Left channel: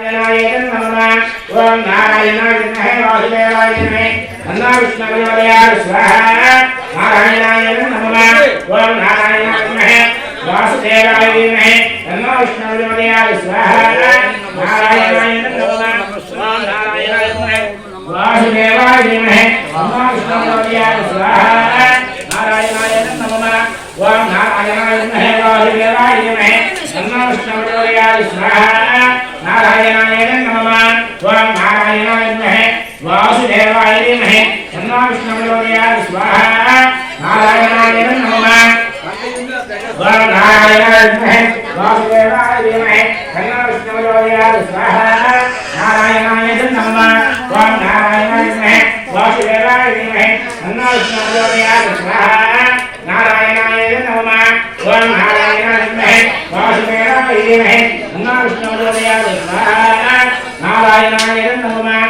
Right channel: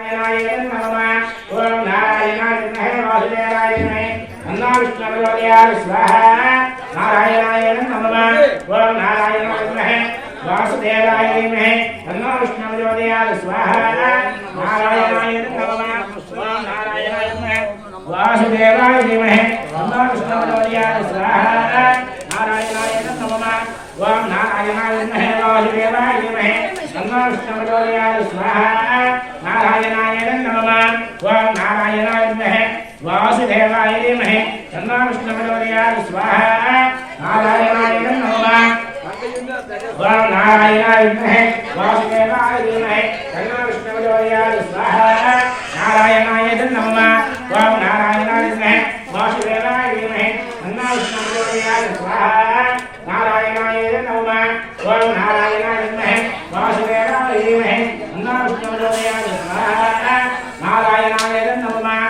ओम नारायणाय विद्महे वासुदेवाय धीमहि तन्नो विष्णुः प्रचोदयात् स्वाहा नारायणाय नमः ओम नारायणाय विद्महे वासुदेवाय धीमहि तन्नो विष्णुः प्रचोदयात् स्वाहा नारायणाय नमः ओम नारायणाय विद्महे वासुदेवाय धीमहि तन्नो विष्णुः प्रचोदयात् स्वाहा नारायणाय नमः ओम नारायणाय विद्महे वासुदेवाय धीमहि तन्नो विष्णुः प्रचोदयात् स्वाहा नारायणाय नमः ओम नारायणाय विद्महे वासुदेवाय धीमहि तन्नो विष्णुः प्रचोदयात् स्वाहा नारायणाय नमः ओम नारायणाय विद्महे वासुदेवाय धीमहि तन्नो विष्णुः प्रचोदयात् स्वाहा नारायणाय नमः ओम नारायणाय विद्महे वासुदेवाय धीमहि तन्नो विष्णुः प्रचोदयात् स्वाहा नारायणाय नमः ओम नारायणाय विद्महे वासुदेवाय धीमहि तन्नो विष्णुः प्रचोदयात् स्वाहा नारायणाय नमः।